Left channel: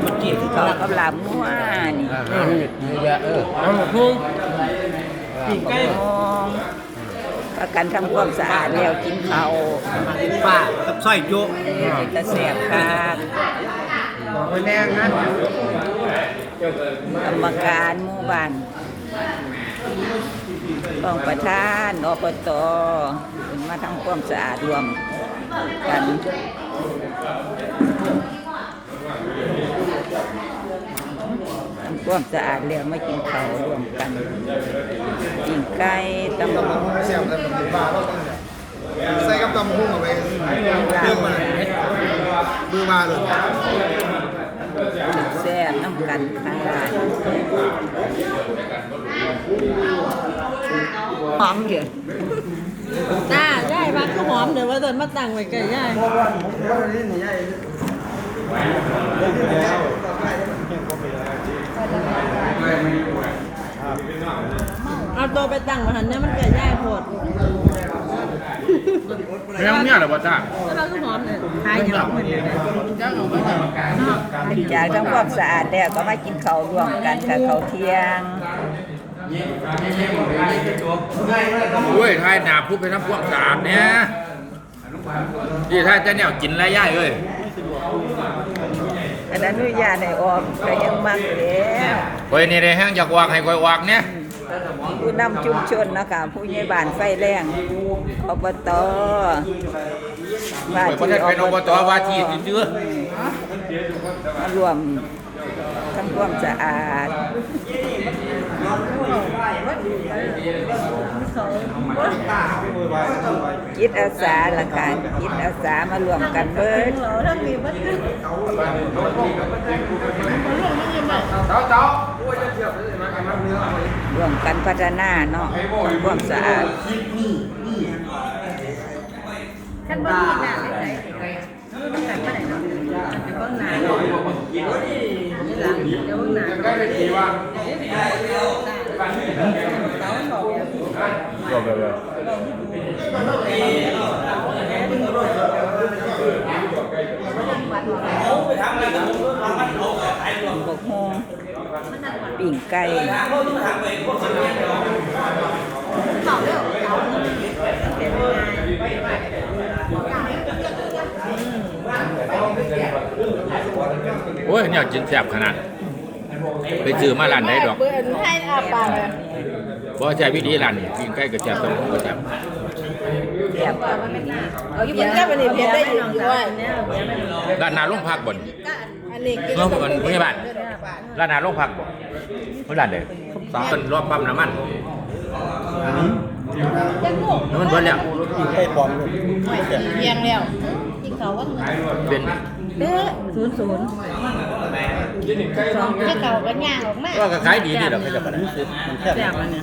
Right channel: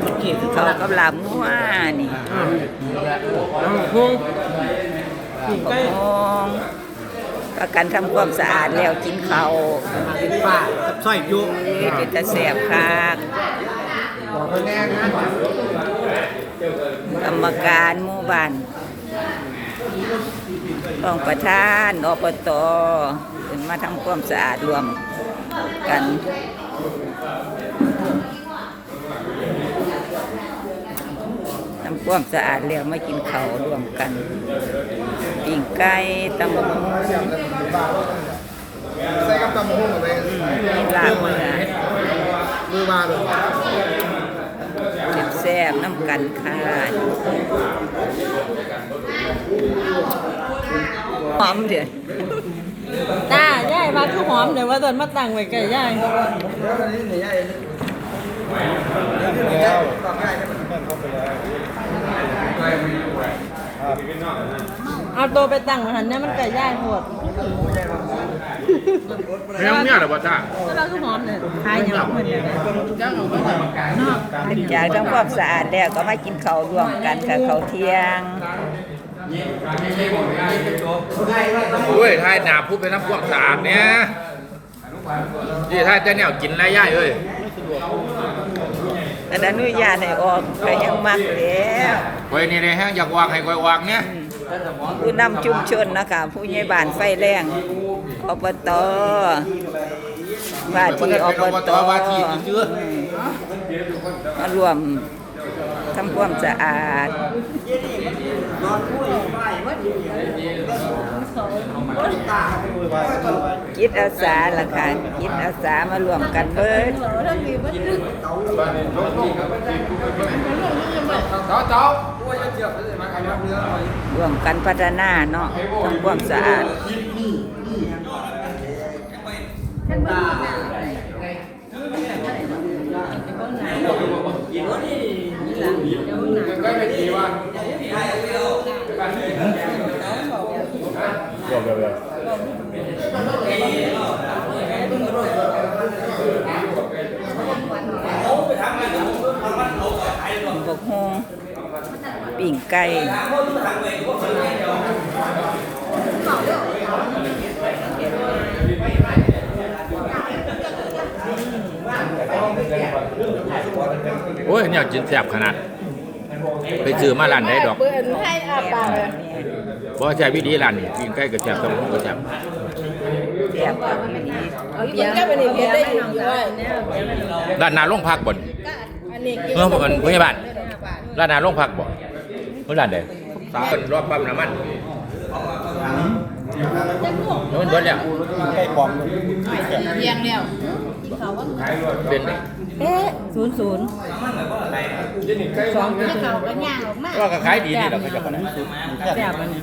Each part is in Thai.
เมื่อกี้ที่เขากับลาบงัวนี่ปีกไก่มองประกันทำความสะอาดแล้วกินเขาวเป็นปลากับสร้อยจุเอ้ยเป็นตแสบคักบอกไปแน่นะกรรมการหมู่บ้านรองประธานอบตมาทำความสะอาดรวมกัน ทำความสะอาดแล้วไมากินเขาวรวมกันปิ้งไก่ตำบักหุ่งเสียบเลยมันมีบ้าแล้วใส่กับตำหุ้งเอาไปมีลาบเนื้อมือมาเลยถึงแซ่บน้ำกันค่ะหอมเดือดจ้าย่า คือหอมเดี๋ยวว่าตอนมาตั้งไว้ไก่ย่ายเอาตัวไปตั้งไว้หันเนี่ยมันไก่ย่างปวดเรื่องเนี่ยเหรอวะจ้าถ้าคือหอมเนี่ยหายอย่างเหมือนกันหลังจากทำความสะอาดแล้วก็มากินข้าวรวมกันค่ะข้าวเที่ยง ด้วยทายดาบผู้เป็นนักพวกสะอาดเนี่ยยี่ทายแต่เนี่ยกินไรย่ายเอ้ยอันอนุญาตให้ออกก็ยังมักแล้วคอยนี่ในแห้งอยากวางให้คอยวางเนี่ยผู้นำชุมชนนะคะผู้ใหญ่บ้านไฟแรงอบตว่าที่อบตว่าที่เชื่อมารวม ทำความสะอาดจิตอาสาล่ะค่ะจิตอาสามารวมกันเบิดราถ้ามีวัตถุรวมกันพัฒนาเนาะทำความสะอาดท่านบ้านน่ะแต่บ้าน หนาดอกนี่ล่ะแล้วบ้านหนาดอกบกฮงปิ่งไก่โอ้ยเนี่ยกินแซ่บขนาด ไปซื้อมาร้านไหนดอกเปิดให้อาปากเลยบ่แซ่บวิธีร้านกินใกล้กับแซ่บต้นก็แซ่บแซ่บกับอีหลีเอาเบียร์ก็เป็นเบียร์ได้ดีด้วยเนี่ยเบียร์ไม่ลงร้านนาโรงพักบ่นอันนี้คือเรื่องกันพยาบาลร้านนาโรงพักบ่เมื่อร้านใดสามคนรอบปั๊มน้ำมันนู่นเบิดแล้วใส่ปอมเลยเบียงแล้วที่เขาว่าเป็นไงเอ๊ะศูนย์ศูนย์ สองที่เขาก็ย่างออกมาก็ขายดีนี่แหละเขาจะขนาดแซ่บอันนี้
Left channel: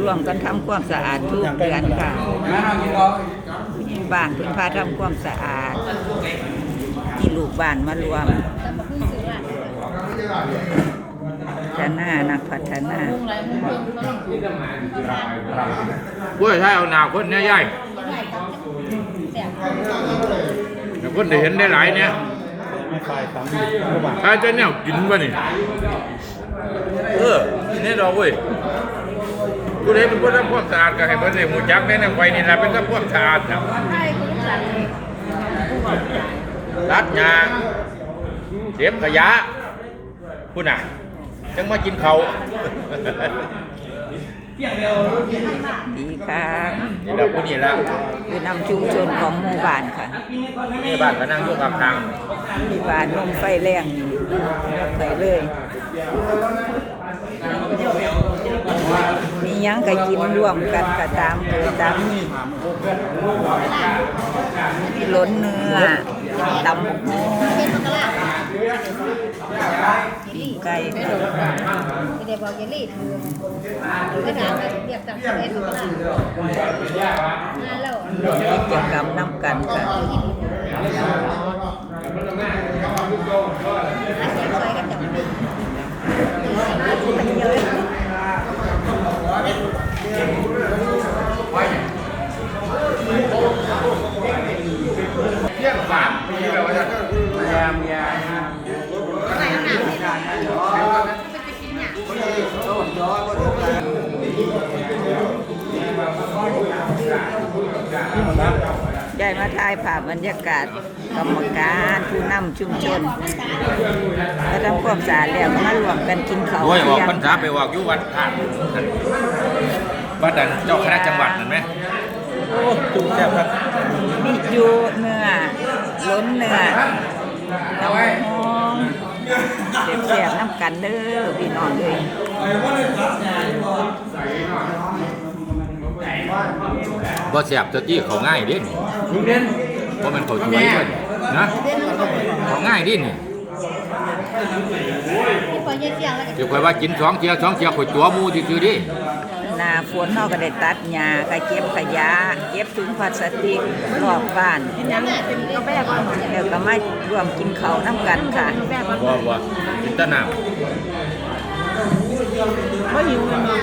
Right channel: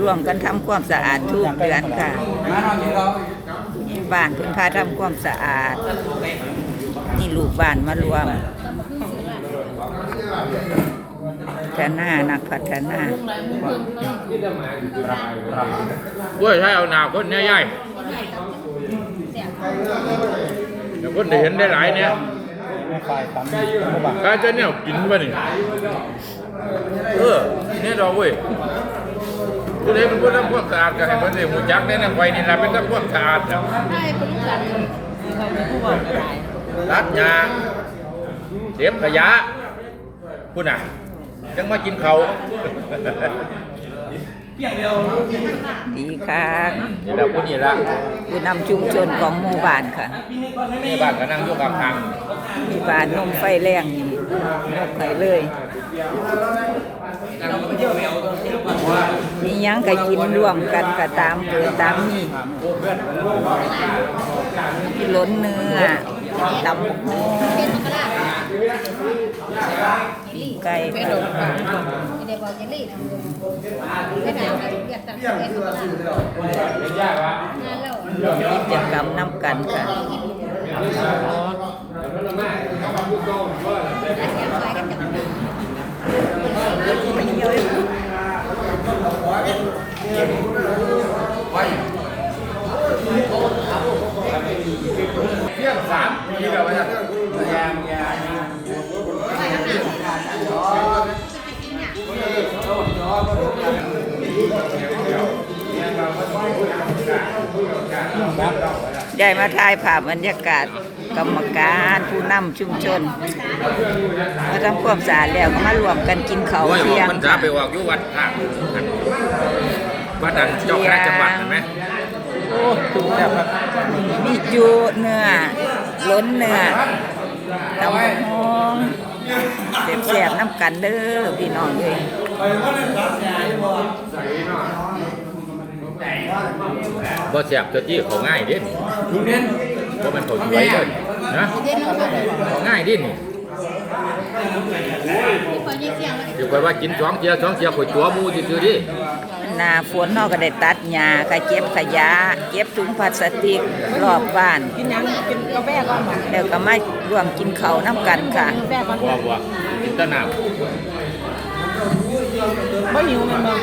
รวมกันทำความสะอาดทุกเดือนค่ะ บ้านพิ่นพาทำความสะอาด นี่ลูกบ้านมารวมพัฒนานักพัฒนาด้วยถ้าเอาหนาวคนเนี่ยย่ายคนได้เห็นได้หลายเนี่ย ไม่ใส่ตำเข้าไปกาจะเนี่ยกินวะนี่เออนี่ดอกเว้ยผู้ใดเป็นผู้ทำความสะอาดก็ให้เพิ่นได้หูจักแน่นไว้นี่ล่ะเป็นทำความสะอาดนะตัดหญ้าเก็บขยะพุ่นน่ะจังมากินเขา ดีค่ะนี่ล่ะผู้นี่ล่ะผู้นำชุมชนของหมู่บ้านค่ะนี่บ้านก็นั่งอยู่ข้างที่บ้านนมไฟแรงนี่นกไข่เลยมีหยังก็กินร่วมกันก็ตามเกิดตามนี่มีล้นเนื้อตำบักหุ่งปีก ไก่ค่ะเดี๋ยวบอกเยลลี่ถือก็ถามว่าเรียกจากสิบเอ็ดมกรางานแล้วร่วมกิจกรรมน้ำกันค่ะอาจารย์ซอยกันจับไม่เยอะ มาถ่ายภาพบรรยากาศกรรมการผู้นำชุมชนก็ทำความสะอาดแล้วก็มารวมกันกินข้าวโอ้ยเที่ยงมันจะค่ะไปออกอยู่วัดภาควัดดันเจ้าคณะจังหวัดเห็นไหมโอ้ตุ่มแซ่บครับมีจูเนื้อล้นเนื้อตำบักหองเสียบๆน้ำกันเด้อพี่น้องเอ้ย บ่แซ่บจะที่เขาง่ายเด้นี่ลุงเด่นเพราะมันถูกไว้เด้นะเขาง่ายเดินี่ที่ปล่อยเสียงแล้วก็ถือไปว่ากินสองเทียสองเทียข่อยตัวหมูซื่อๆดิหน้าฝนเนาะก็ได้ตัดหญ้าก็เก็บขยะเก็บถุงพลาสติกรอบบ้านยังเป็นกาแฟก่อนแล้วก็มารวมกินข้าวน้ำกันค่ะกาแฟก่อนบ่ว่ากินแตะน้ไม่หิวมันมา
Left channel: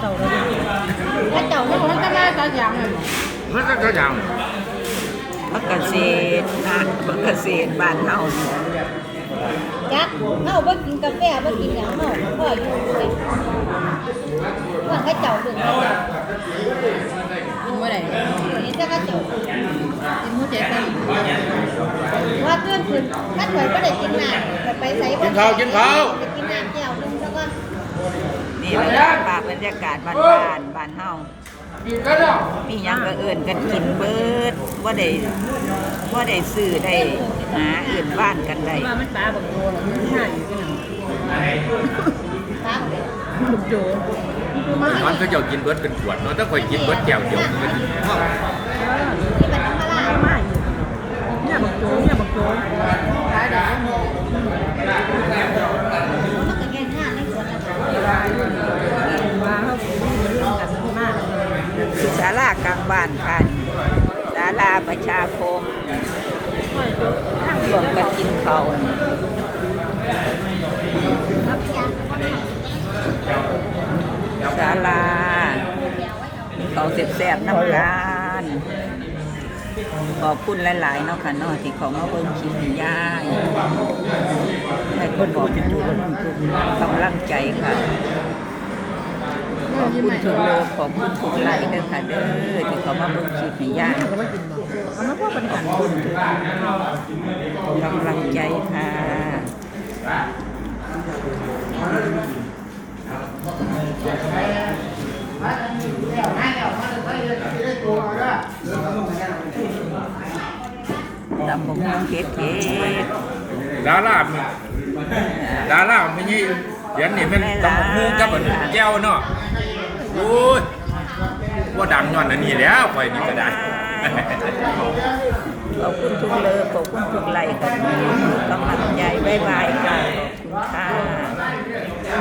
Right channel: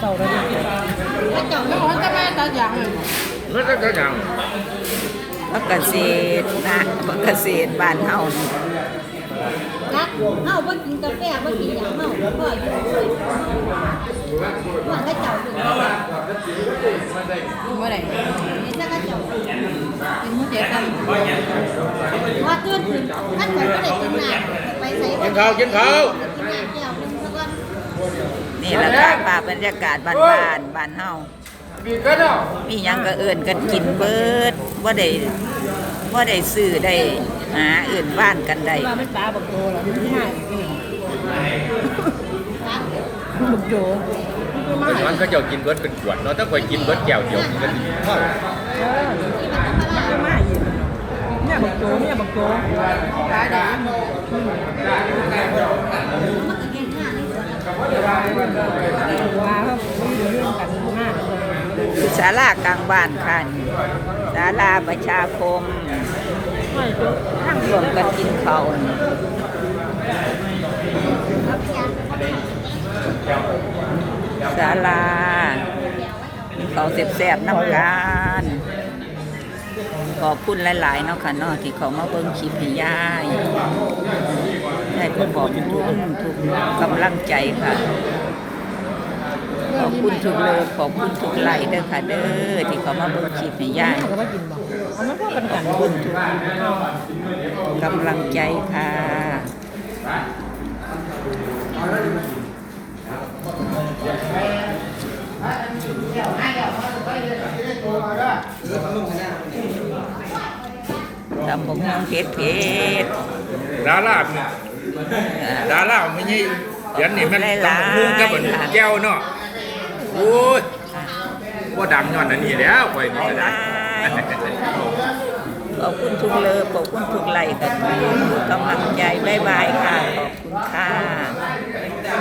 เต่าเลยแล้วเจ้าเนี่ยของก็มาตอนอย่างำมันจะหยังพักเกษตรนะพักเกษตรบ้านเฮานี่ยักเฮาบ่กินกาแฟบ่กินหยังเฮาพ่ออยู่ด้วยว่าให้เจ้าถึงให้เจ้าเมื่ไหร่นี่ถ้าเขาเจ้ากินมื้อเจ็ดกันว่าเตือนขึ้นถ้าข่อยบ่ได้กินน้ำข่อยไปไสบ่กินข้าวกินข้าวกินน้ำแก้วนึงซะก่อน นี่แหละค่ะภาพบรรยากาศบ้านบ้านบ้านเฮามีหยังก็เอิ่นกันกินเบิดว่าได้ว่าได้ซื้อได้หาเอิ่นบ้านกันได้ว่ามันตาบอกโตหรอมันง่ายอยู่ครับบุกโจมันก็จะกินเบิดเป็นขวดเนาะถ้าข่อยกินเบิดแก้วเดียวมันก็สินี่มันธรรมดาง่ายอยู่เนี่ยบุกโจเนี่ยบุกโจขายได้ยัง มันก็แค่ข้าในสวนน่ะ ว่าเขาเรื่องกันมาก คือศา ลากลางบ้านค่ะนี่ศาลาประชาคมรวมกันกินข้าวศาลากินข้าวแซ่บๆน้ำกันขอบคุณหลาย ๆ เนาะค่ะเนาะที่เขามาเบิ่งคลิปให้ยายให้ขอบคุณทุกกำลังใจค่ะ ขอบคุณทุกโลกขอบคุณทุกไลค์เด้อค่ะเด้อที่เขามาเบิ่งคลิปให้ยายขอบคุณทุกกำลังใจค่ะตำบกฮงเพชรเพชรดาราเนี่ยดาราไม่ใช่เดี๋ยวนี้มันหลายๆฮู้กับมันค่ะแก้วเนาะ โอ้ยว่าดังย้อนอันนี้แล้วไปนี่ก็ได้ขอบคุณทุกเลิฟขอบคุณทุกไลค์ค่ะทุกกำลังใจบายบายค่ะ ขอบคุณค่ะ